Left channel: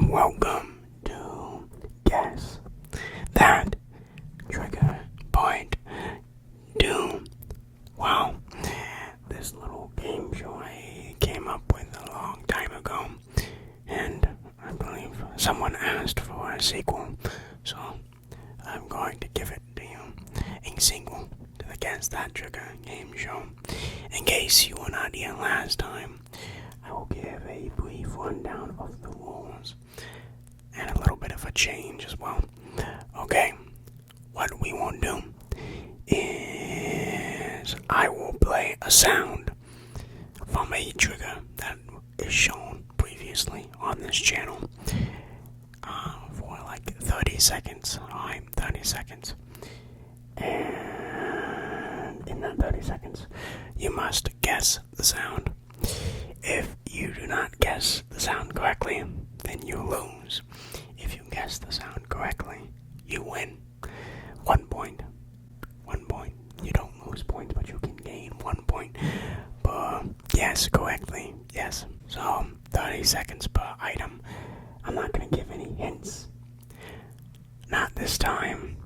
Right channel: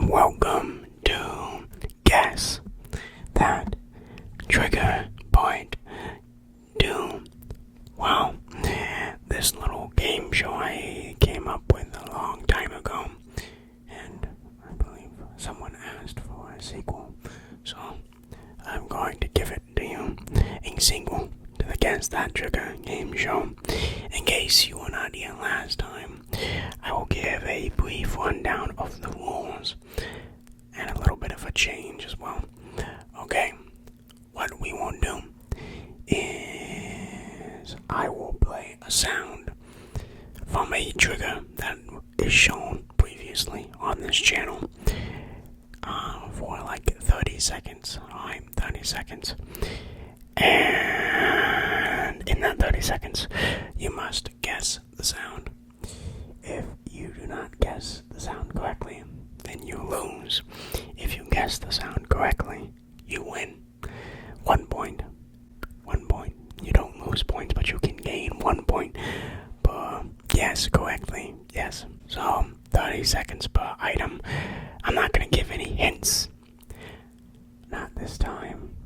and welcome to Guess That Trigger Point 2. Wow, this little game show I came up with a long time ago, and I believe someone asked for a sequel, so I'm going to give it to you, a sequel to the Guess That Trigger game show. In case you were not here last time, I will give a brief rundown of the rules and a little bit of a change as well. Okay, what we will do is I will play a sound from a trigger that is shown previously on this channel for like 30 seconds. Alright, 30 seconds. And in that 30 seconds, you must guess the sound. If you do not guess the sound correctly, then you lose. If you guess the sound correctly, you win. 1 point. 1 point. You don't lose points, but you can gain 1 point per guess correctly. Yes. So, 30 seconds per item. I'm not going to give any hints. Not this time,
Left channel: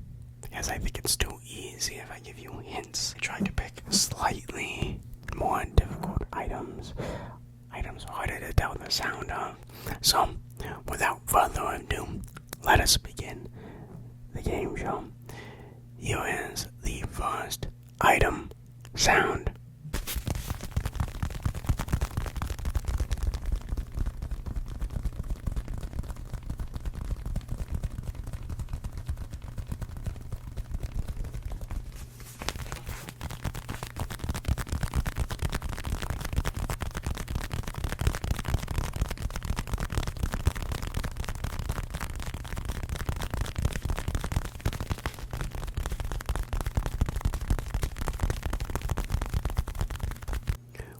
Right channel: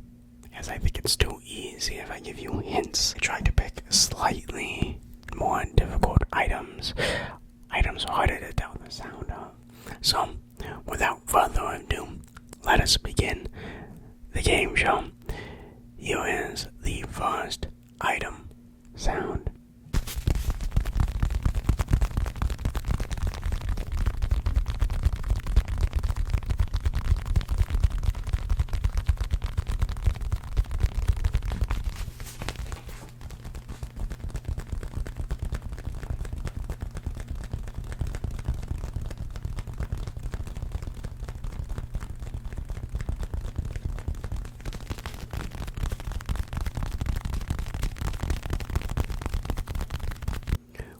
because I think it's too easy if I give you hints. I tried to pick slightly more difficult items. Items harder to tell the sound of. So, without further ado, let us begin the game show. Here is the first item sound.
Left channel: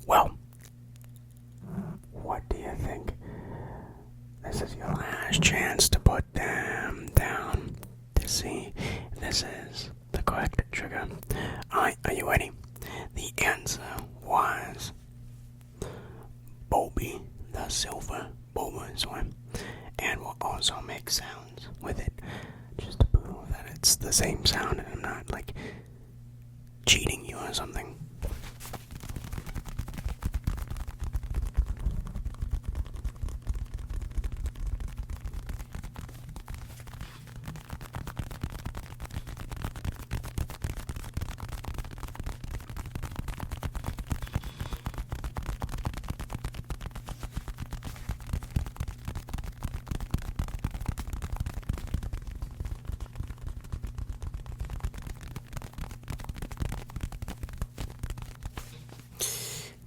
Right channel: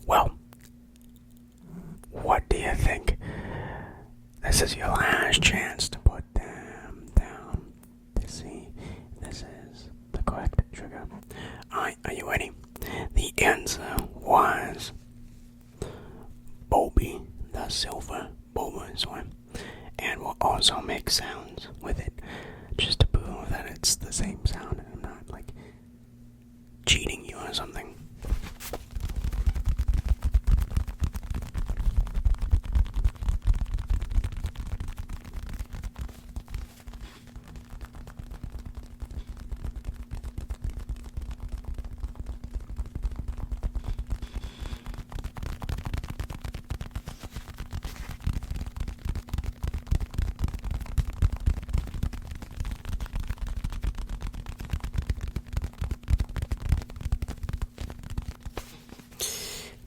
Well, what do you think? This is your last chance to put them down to see if this is the correct trigger. Alright, are you ready? The answer was Bulby, the silver Bulbasaur, and we'll also make sounds with it just to prove that it's the same sound and I'm not like cheating you or something.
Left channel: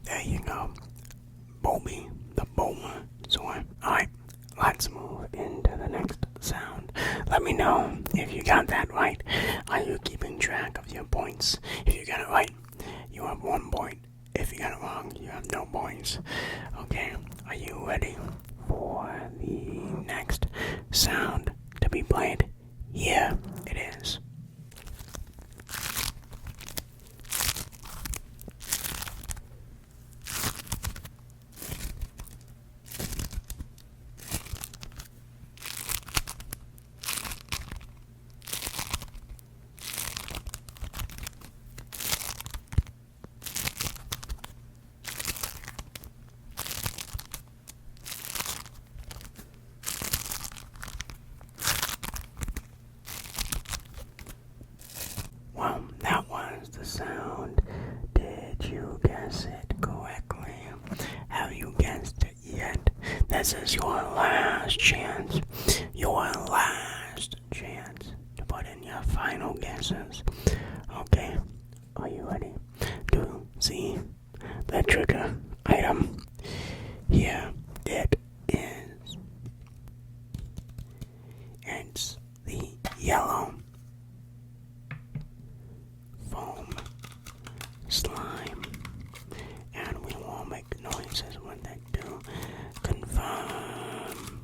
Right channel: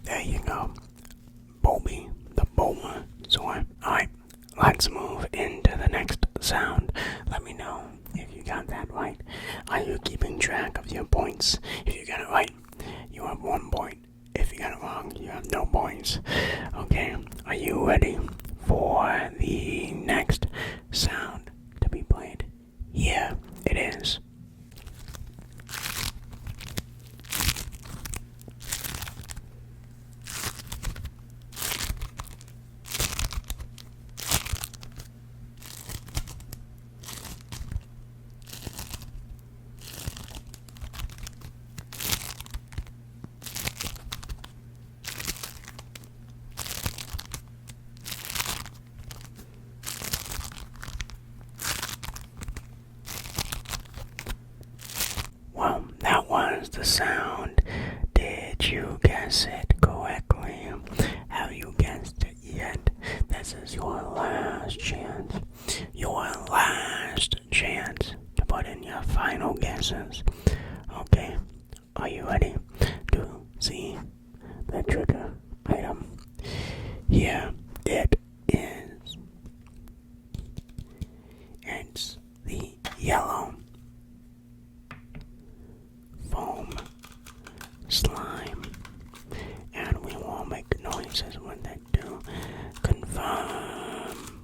There you go. Bulby, the Bulbasaur. Alright, let's move into the next sound. Let me know if you got that right. Are you keeping track of your points? If you got it right, you have 1 point. If you got it wrong, you have no points. Okay, are you ready for the next sound to be played? Here it is. Well, that was the sound. Did you guess it correctly? Have you guessed it yet? This is your last chance. Your last chance to put in your final guesses. Okay, are you ready to see the trigger item? Here it is. It's the yellow foam slime, and we will make noises with it to confirm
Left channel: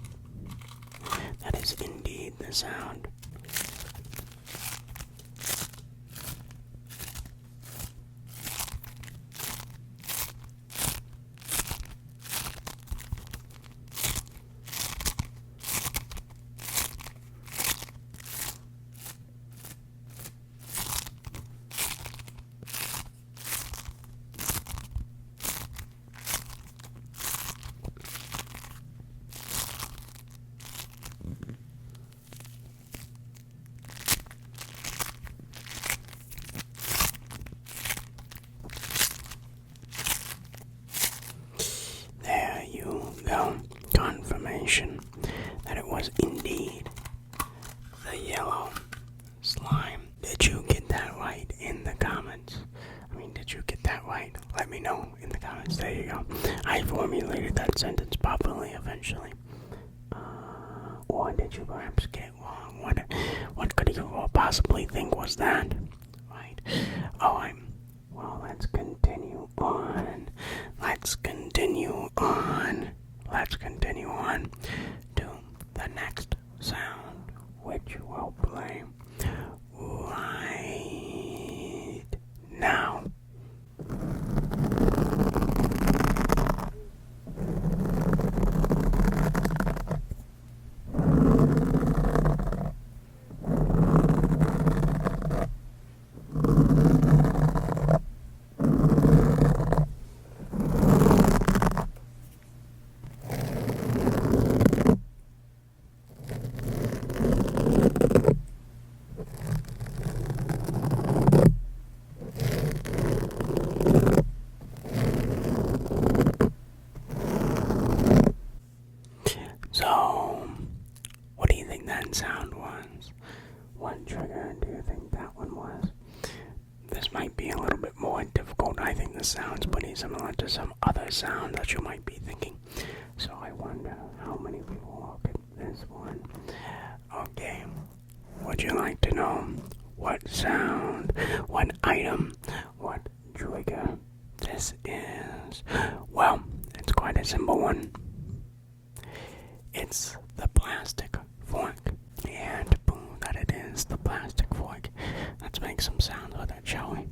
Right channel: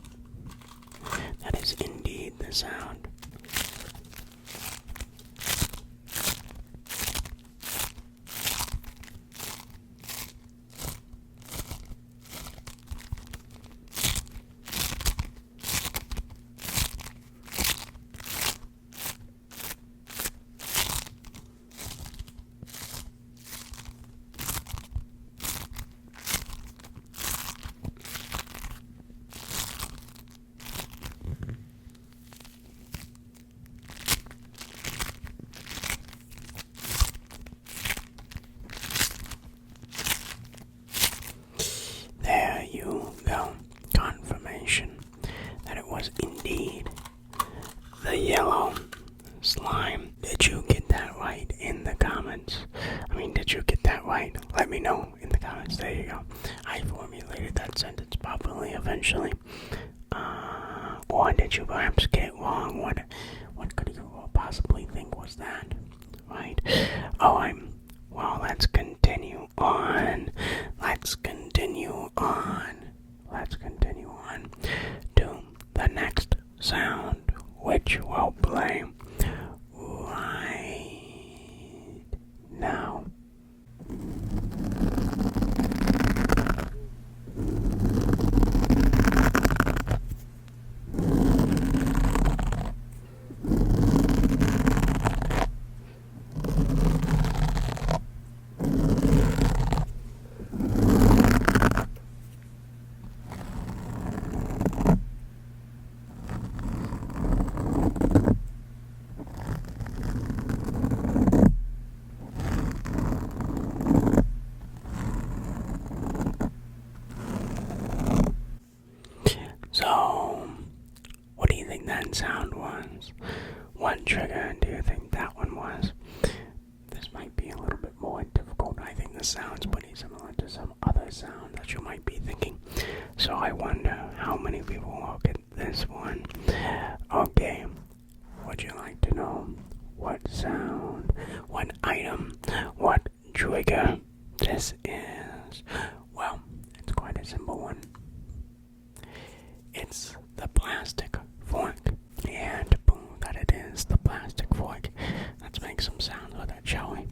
that is indeed the sound. confirmation that it was indeed the yellow slime. Did you get that right in the comments? Did you get that right? Let me know in the comments. There you go. I formulated that sentence properly eventually. Or did you perhaps get it wrong? What could you possibly think was that? Right? Well, let's continue on. Let's continue on to the next sound, which will play right now. So, what do you think that sound was? What trigger do you think that one was? This might be a little bit more difficult. I think this sounds pretty similar to some other sound that you might be thinking. So I wonder how many people will get this one. Okay, would you like to know what sound, what item, what trigger this is? Well, it's quite a simple one. It's the plastic fork. And to prove that it is the plastic fork, let's make some sounds with it, shall we?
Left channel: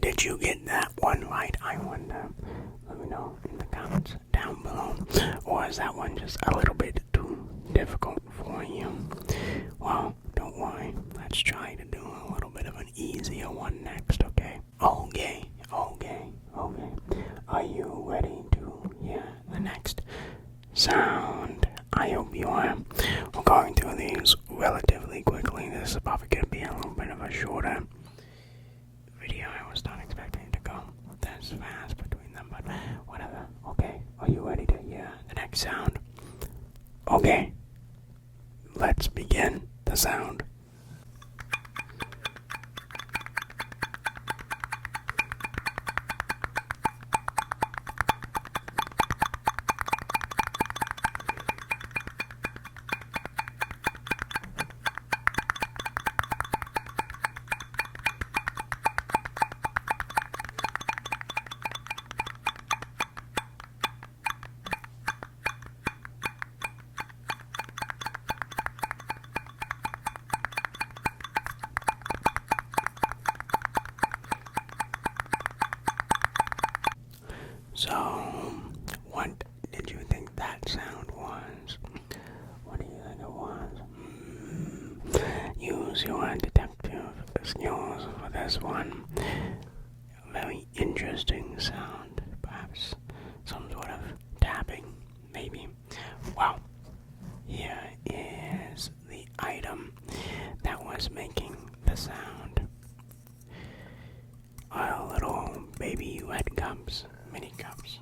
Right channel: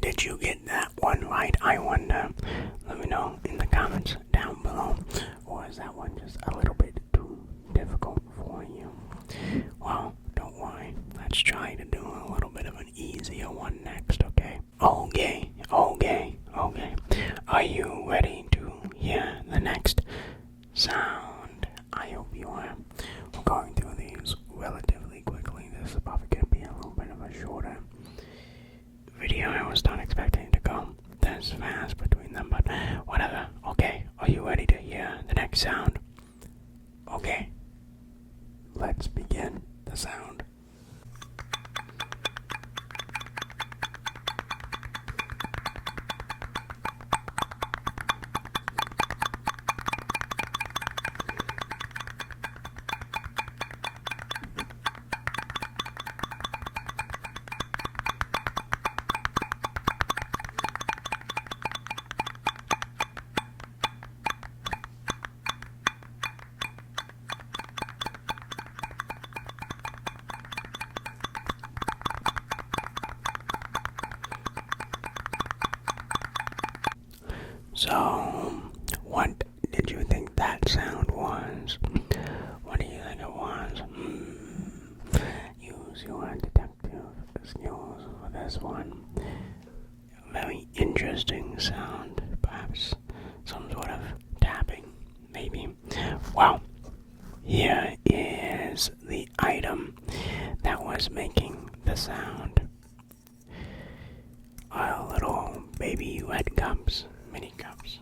Did you get that one right, I wonder? Let me know in the comments down below. Or is that one just a little bit too difficult for you? Well, don't worry. Let's try to do a little bit of an easier one next, okay? Okay. Are you ready to hear the next sound? I hope you are. We're going through these relatively quickly. This is probably going to be a little bit of a shorter video. I was not expecting to go this fast between them, but whatever. Okay, are you ready to hear the next sound? Okay, let's begin the sound. So, what did you think that sound was? What do you think it was? Use your detective skills for this one. A very interesting sound, perhaps some sort of tapping, maybe. Well, here is the item that was making the sound. Our little baby red cups. Mini cups.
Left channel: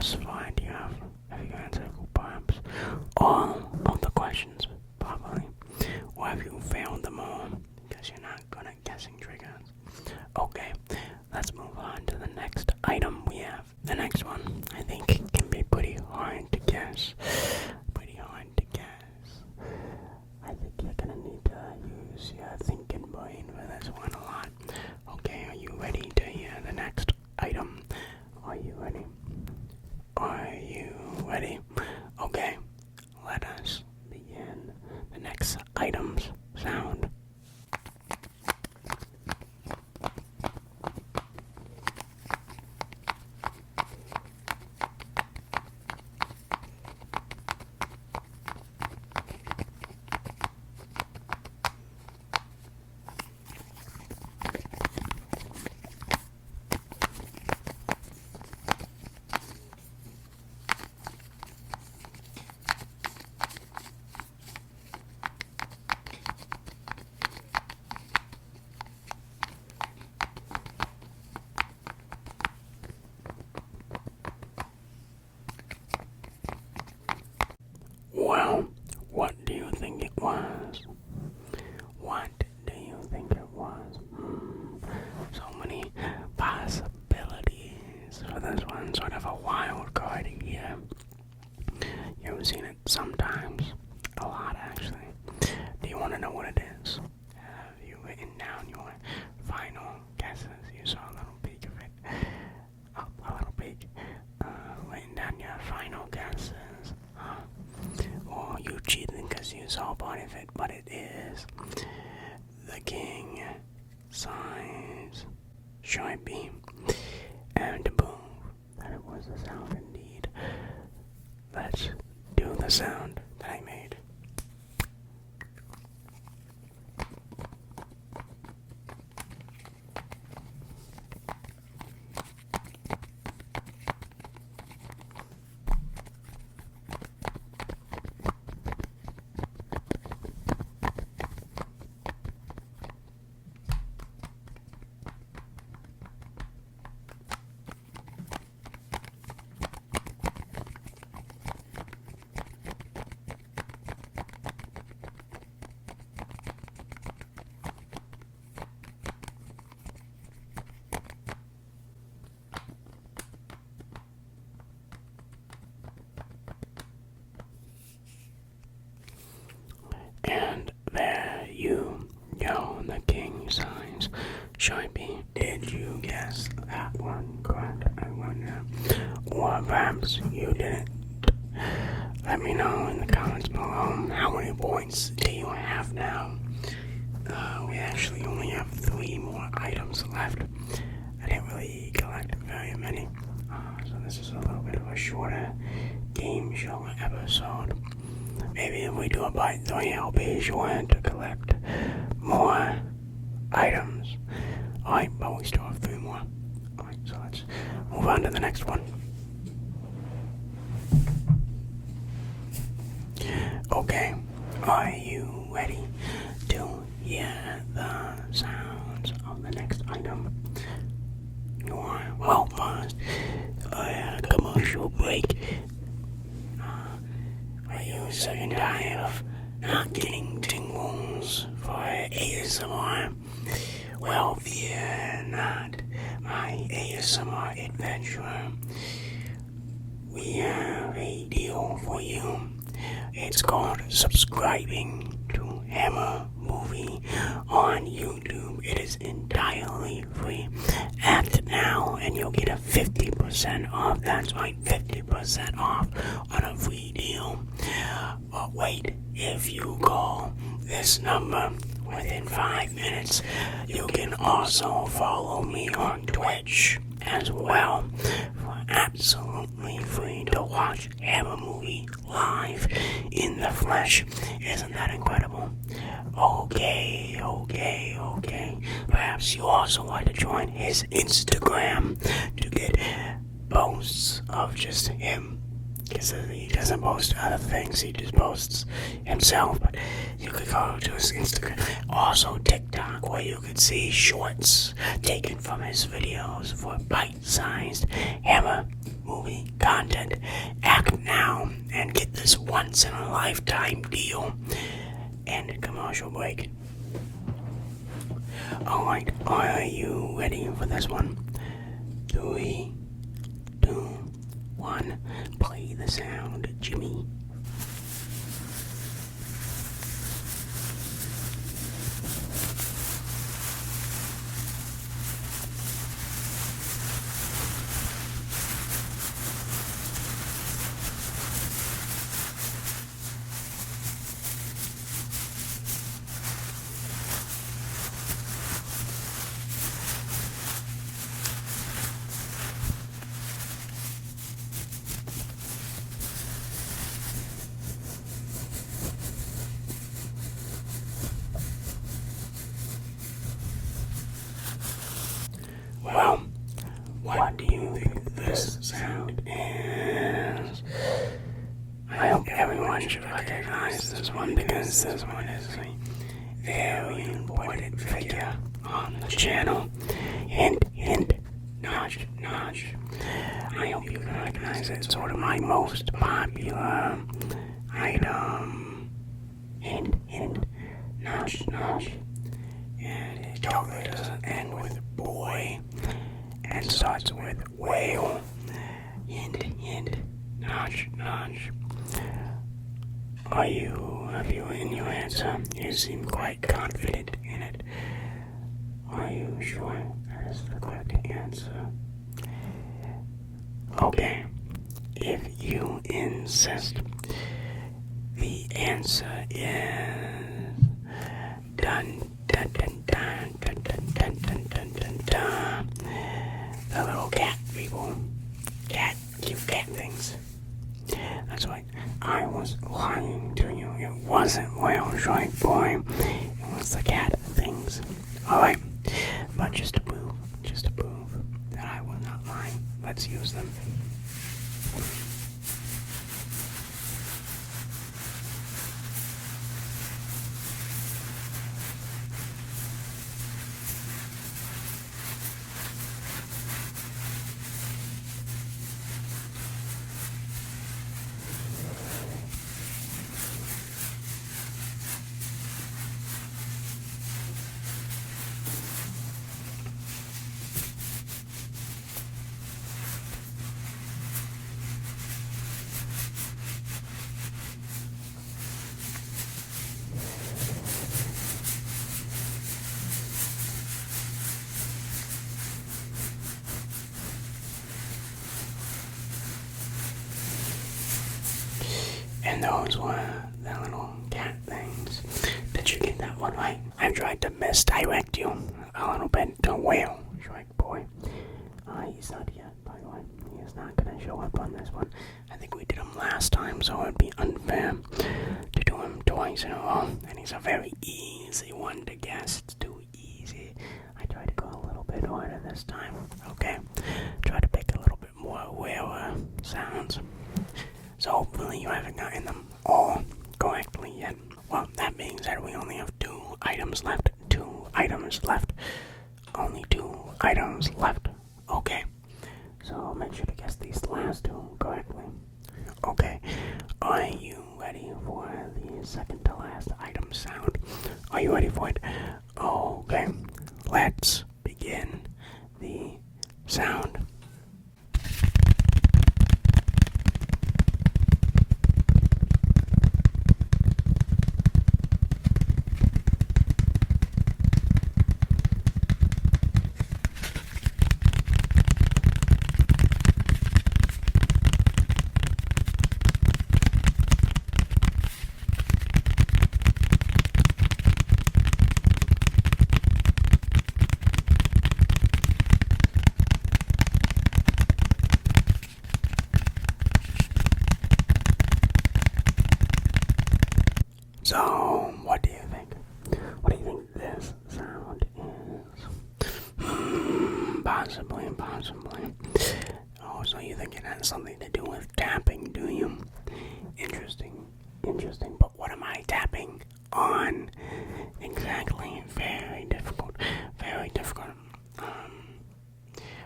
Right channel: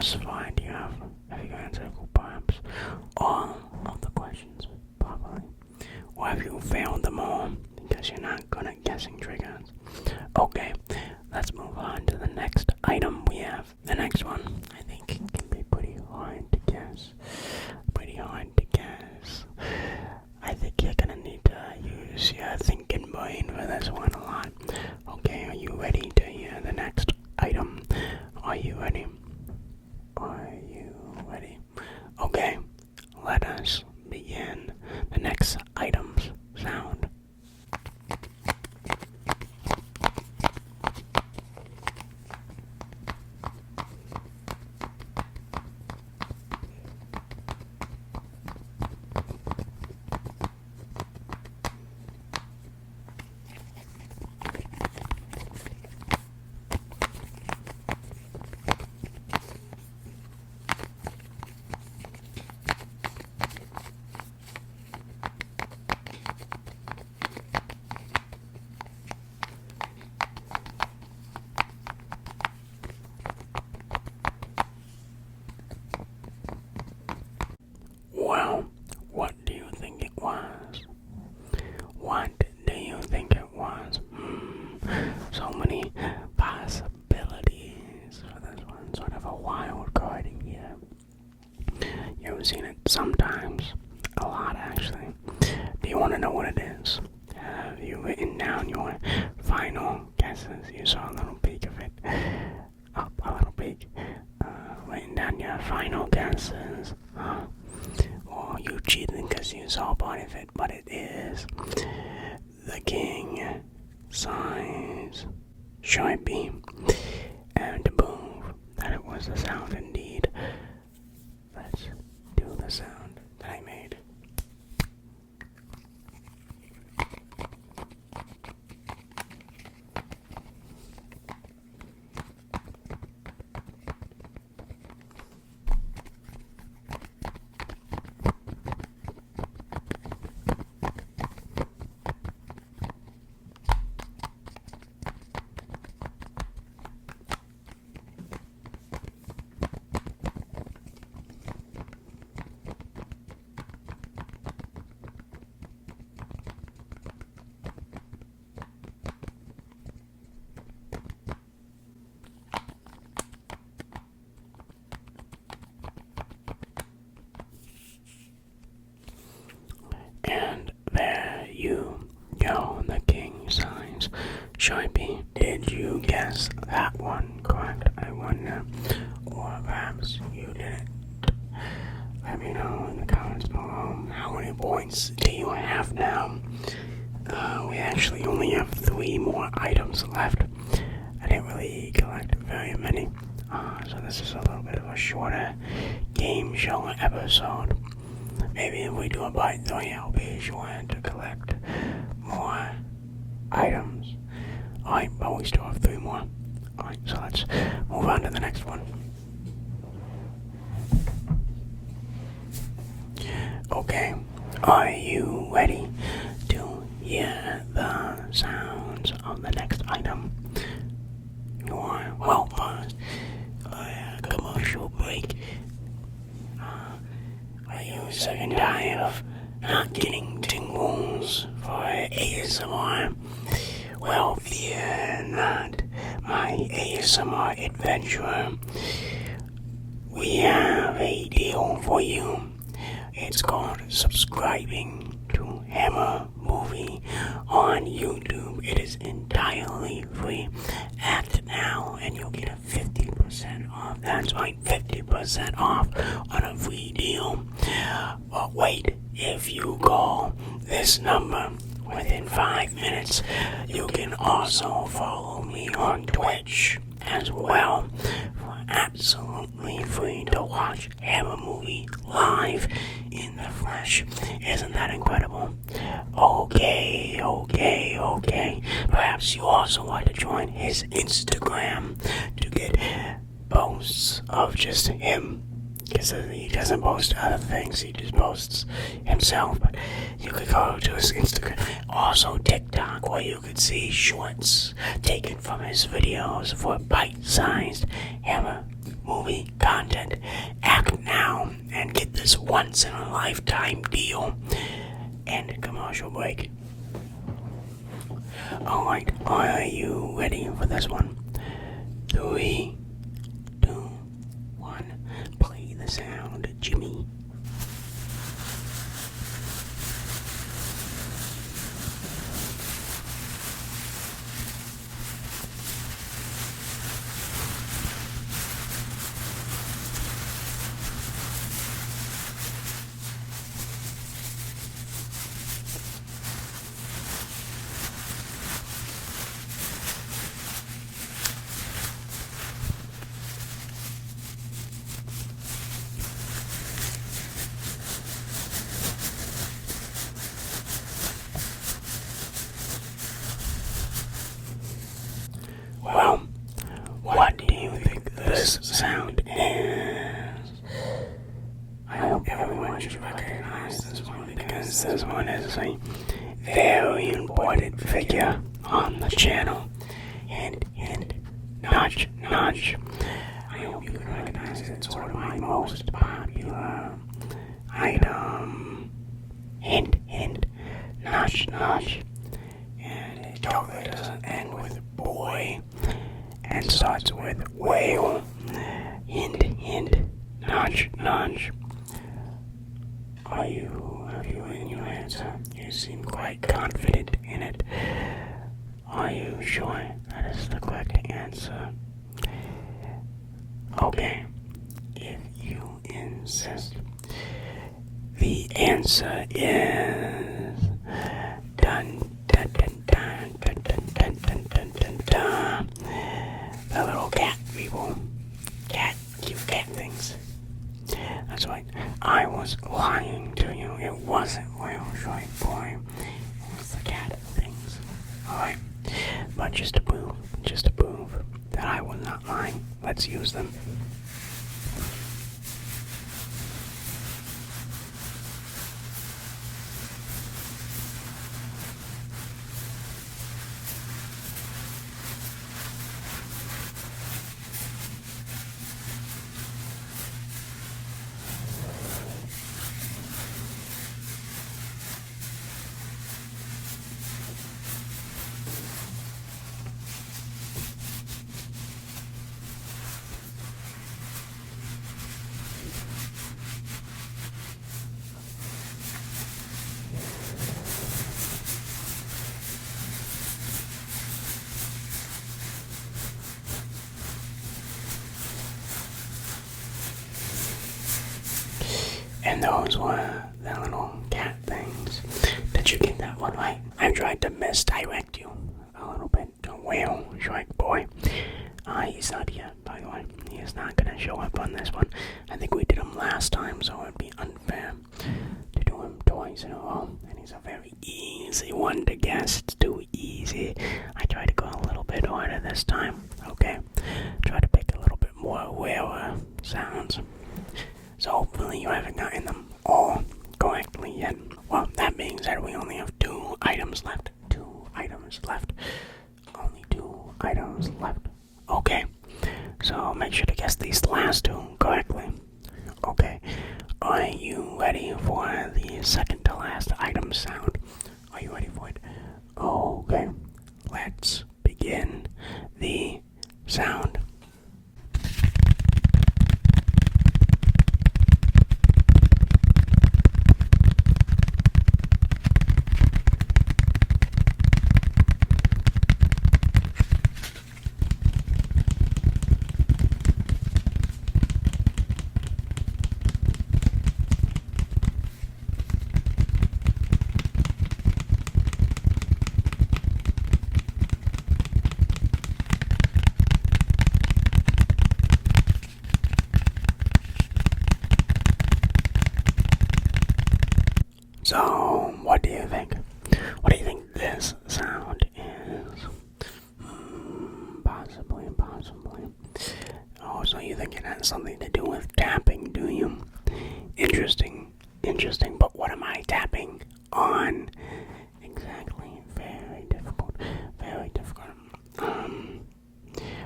thus far, have you answered perhaps all of the questions properly? Or have you failed them all because you're not good at guessing triggers? Okay, let's move on to the next item we have. The next one, I think, can be pretty hard to guess. I think you're gonna need to use your thinking brain for this one a lot. Okay, are you ready to hear the next item? Are you ready? Okay, let us begin. The next item's sound. Well, what do you think it was? So many possibilities for this one, sort of a wild card here. You've seen it sometimes, a lot actually. Do you want to know what it is? Have you written down your final guesses? You saw a little peek of it. Writing down your final guesses. Or you cheating because you saw part of it, but it is the king size Sharpie, and to prove that it was the sound indeed, let's do the sound that I made. And there you go, the king size Sharpie. Did you guess that one correct? I wonder. Or perhaps you didn't. Let me know in the comments below. How many points do you have now? We actually only have 3 more items left. I didn't really collect very many. So this is a little bit of a shorter game show episode. Maybe if we do a part 3, I'll be sure to collect more items. Alright, but we still have 3 more. Alright, so let's move on to the next one. Okay, are you ready to hear the sounds of the next item? You are? Well, first, a commercial break. Are you sick and tired of not getting tingles for ASMR? Well, fear not, my ASMR adventurer. We have a deal for you. It's called subscribing to Hammer Movie on YouTube. It is entirely free. Act now and you'll get a 50% off. That's right, 50% off on a free deal. But wait, if you call this number within 5 minutes, you can also follow me on Twitch as well for absolutely free to watch Hammer Movie live in the flesh. Isn't that incredible? Okay. Perhaps you also want to join his Instagram to get posts of just him. Because he doesn't post other things, he just posts himself. But you could go to his Instagram. Also TikTok, where you could see shorts taken from his videos for bite-sized Hammer movie content. Act now and get this once in a lifetime deal. And commercial break. Alright, are you ready for this one? 3, 2, 1. Play the sound, Jimmy. Well, what do you think this sound is? I hope everyone should recognize this one because this one is a very important figure on the channel. Hint, hint, notch, notch. I hope you recognize it. It's sort of my most popular item. Hint, hint, notch, notch. And it totally doesn't end with boy and starts with whale. Hint, hint, notch, notch. Have you in your answer? You seem quite confident in it. Are you sure that is the correct answer? Okay, if you insist. The answer is dun dun dun dun dun dun dun dun dun dun dun. The little cat people. Cute cat things. That's right. I was lying to you. It wasn't Whale Shark Boy. It was the cat things. Alright. But just to prove that I was not lying, let's use them. And those were the little cat things. Did you get that one right? I tried to misdirect you a little bit to Whale Shark Boy. He's not here, by the way. He is not going to show up on this one. I think we did him last time, so it would be unfair to do him twice in a row. And he's a very easy one to guess. It's too easy. I tried to go a little bit harder this time. Okay? Try to pick a little bit more rarer sounds. So hopefully you haven't gotten them all correctly yet. Well, that being said, we only have 2 items left. 2 items left. Only 2 items left. Okay. So make sure to guess these last 2 correctly. Okay. Are you ready for the second to last item sound? Are you ready for it? Okay. Let's begin the sound. So, what do you think? What do you think this sound is? Possibly. Oh, so you think it has something to do with tapping, do you? Interesting. But what am I tapping on? Exactly. Very difficult.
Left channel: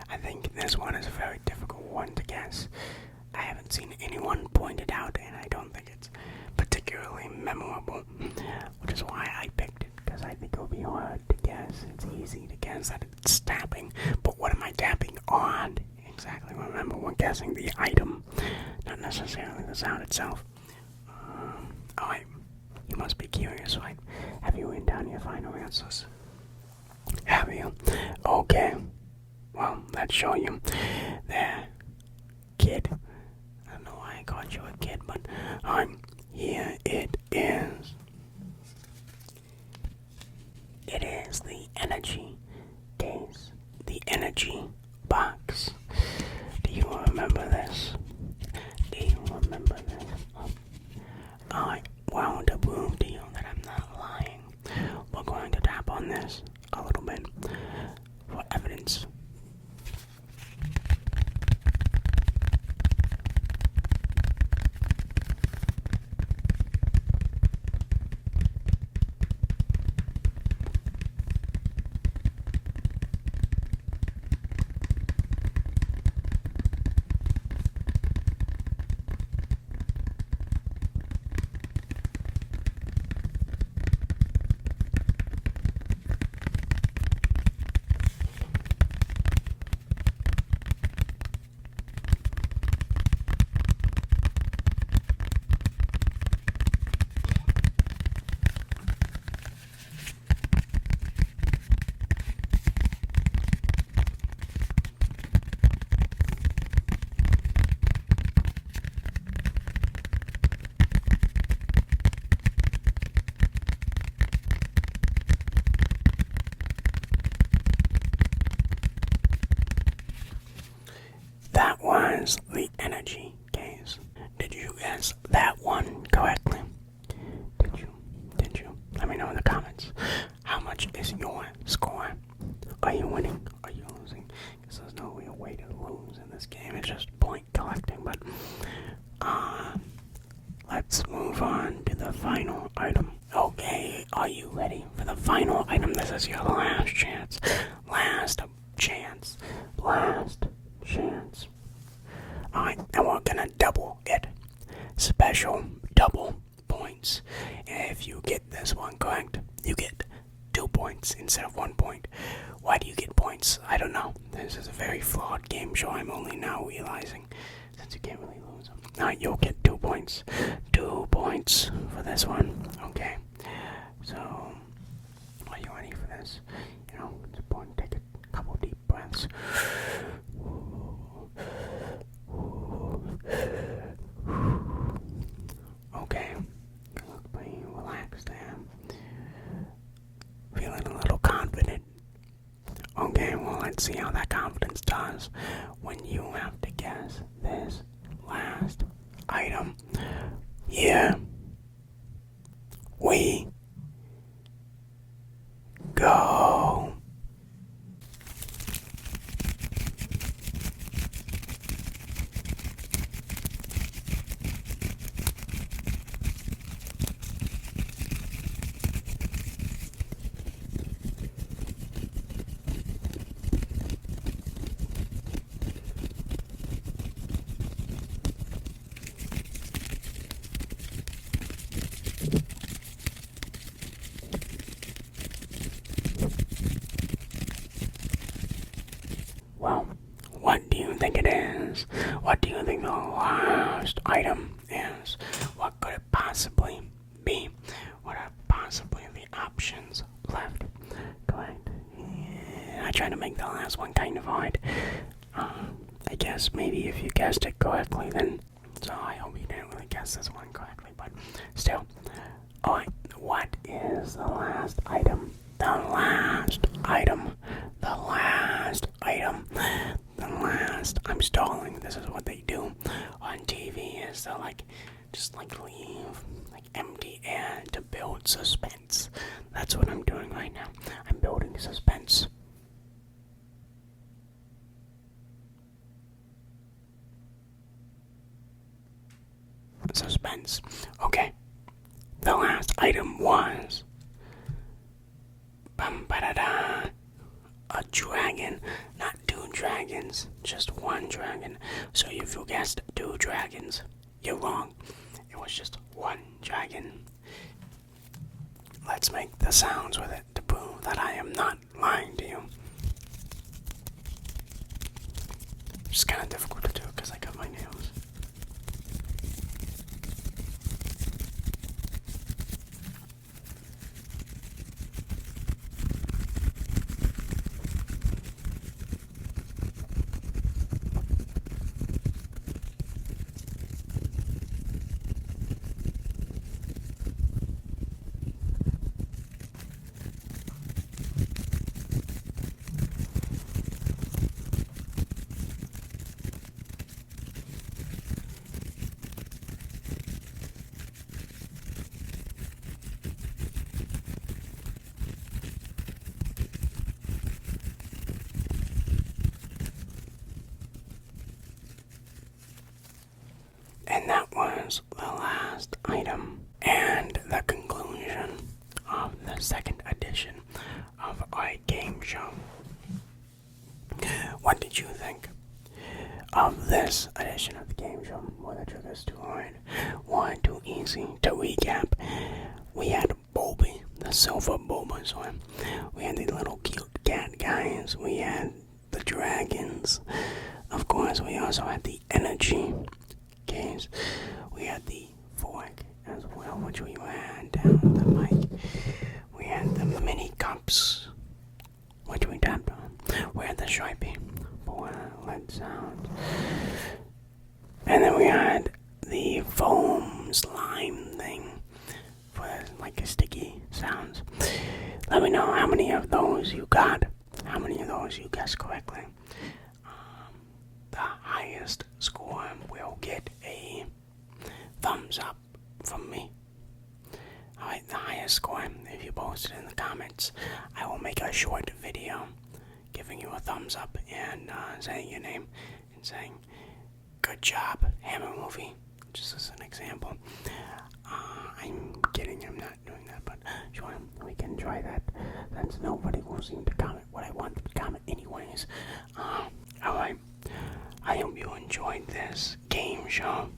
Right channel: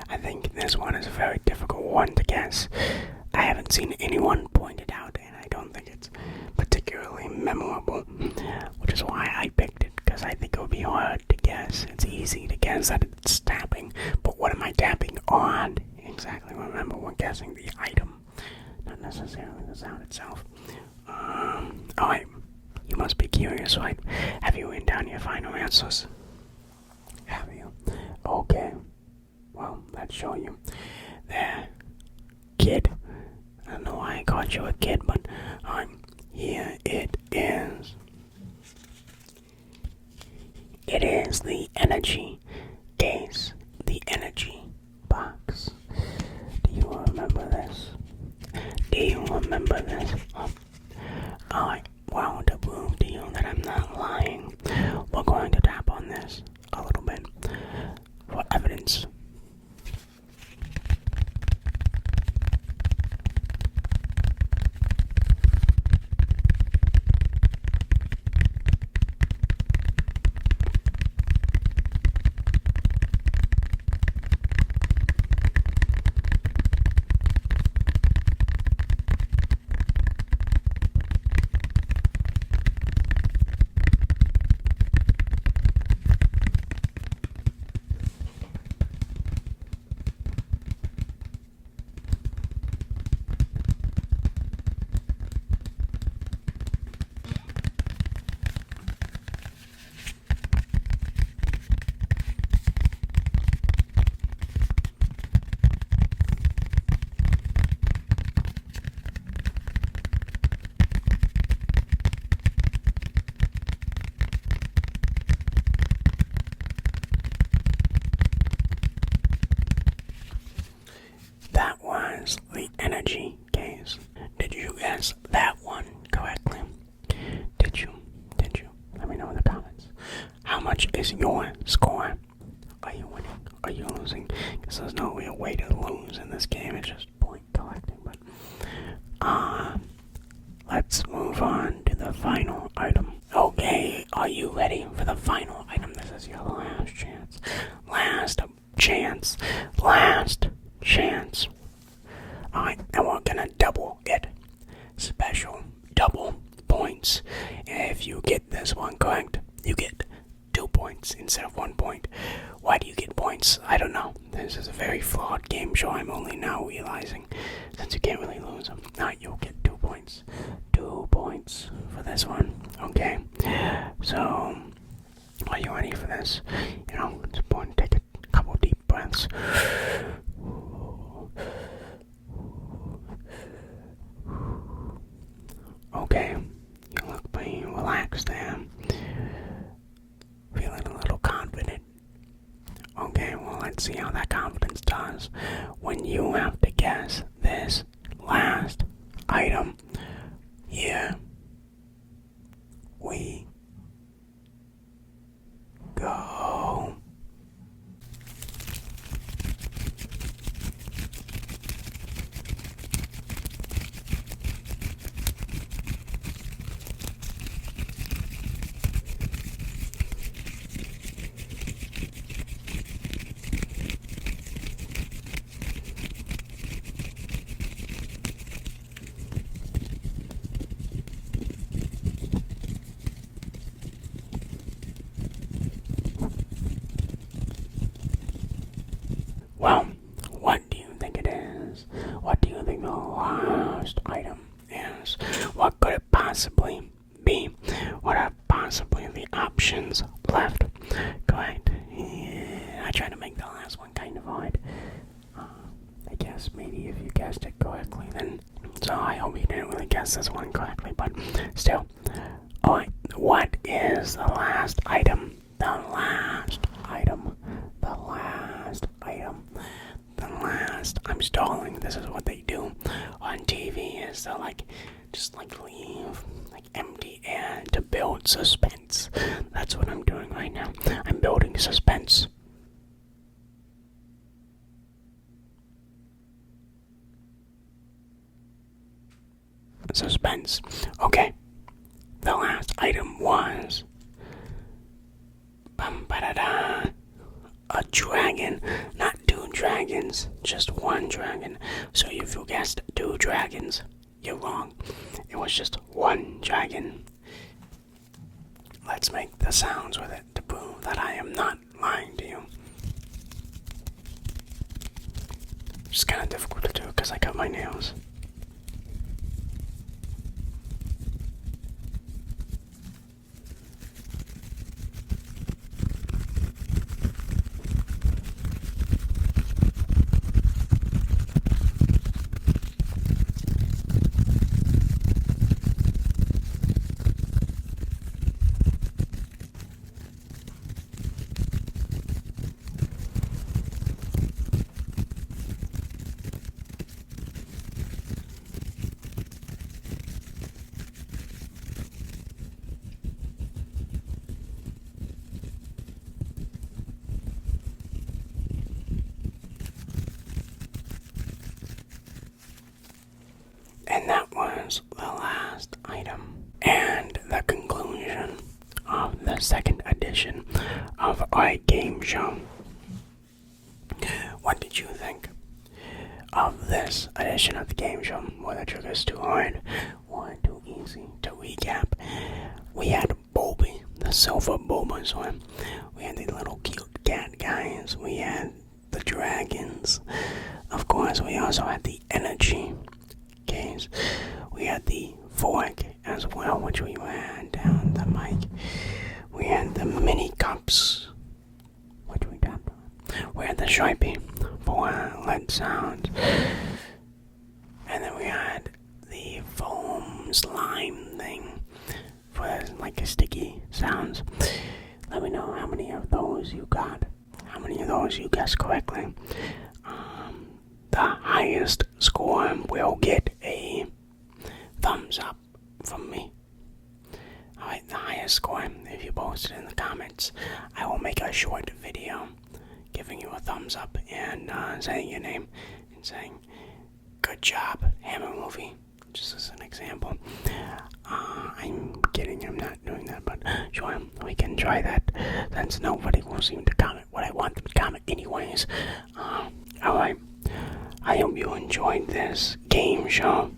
I think this one is a very difficult one to guess. I haven't seen anyone point it out, and I don't think it's particularly memorable, which is why I picked it, because I think it would be hard to guess. It's easy to guess that it's tapping, but what am I tapping on? Exactly, remember, we're guessing the item, not necessarily the sound itself. Alright, you must be curious, right? Have you written down your final answers? Have you? Okay. Well, let's show you. There. Kid. I don't know why I called you a kid, but here it is. It is the energy case. The energy box. Do you remember this? Do you remember this? Alright, well, to prove to you that I'm not lying, we're going to tap on this a little bit for evidence. That was the energy case. Did you guess that one correctly? Did you? Let me know in the comments. How much is your score? Are you winning? Are you losing? Because there's no real way to lose in this game. It's just point collecting. But let's move on to the final item. Okay, are you ready for the final item? This is your last chance. Last chance. Alright, and we're gonna double it. Special double points. If you get this one correct, you get 2 points instead of 1 point. Why do you get points? I don't know. This is a very flawed game show. I'm only now realizing, since you can't really lose them. Alright, you'll get 2 points. 2 points for this one. Okay. So, are you ready for this? It's important to take a couple deep breaths. Okay, you look pretty relaxed there. Feeling a little confident. Okay, well, let's see how that confidence does when you have to guess this last item. Here we go. Well, what do you think it is? What do you think the last item is? What could it possibly be? What are possibly the options left? Correct. Yeah, I tried to make the last one kind of hard. I guess maybe if you guessed it correctly, then so I hope you didn't really guess this one correctly, but still. Alright, what is the last item? The last item. I'm stalling. This is what they do on TV, is they'll just leave empty air to build suspense. That's what I'm doing right now. I'm building suspense. Okay. The last item was a dragon. Not two dragons, just one dragon. So if you guessed 2 dragons, you're wrong. It was just one dragon. Let's make the sounds with it to prove that I am not lying to you. It's kind of difficult to do because I cut my nails. And that was the last item and the conclusion of the second edition of our game show. What did you think of this edition of the game show? Were the triggers too hard or too easy? To recap, we had Bulby, the silver Bulbasaur. We had the little cute cat guys. We had the dragons. Of course, we also had the energy case. We had the fork as well, which we ran down the mic. We had the mini cups, which we tapped on. We had the Sharpie for lead sounds. And then we had the foam slime thing for like a sticky sounds. Let me know how many of those you got. How many of those you guessed correctly. The highest score will get a thumbs up from me. Alright, the highest score, if you post it in the comments, I will make a short video giving you a thumbs up and saying your name and saying, good job, Hammer Movie, just as an example. I'm kidding, I'm not doing that, but sure, we can try that, since nobody will seem to comment what I want them to comment anyways. Alright, I hope you enjoyed this game show.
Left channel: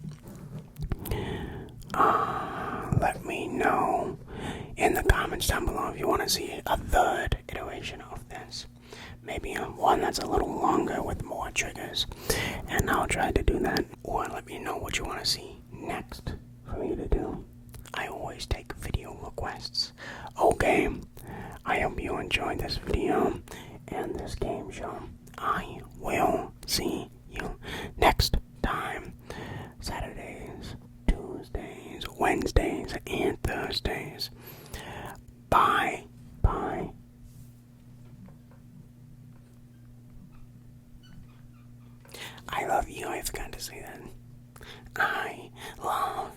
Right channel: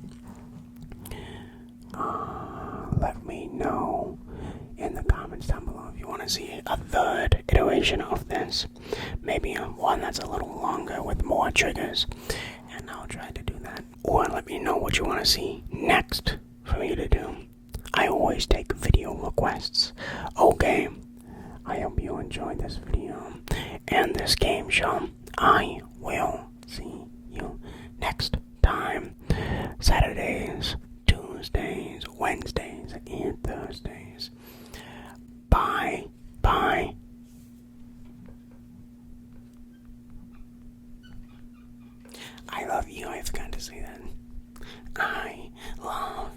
Let me know in the comments down below if you want to see a third iteration of this. Maybe one that's a little longer with more triggers, and I'll try to do that. Or let me know what you want to see next for me to do. I always take video requests. Okay, I hope you enjoyed this video and this game show. I will see you next time. Saturdays, Tuesdays, Wednesdays, and Thursdays. Bye. Bye. I love you. I forgot to say that. I love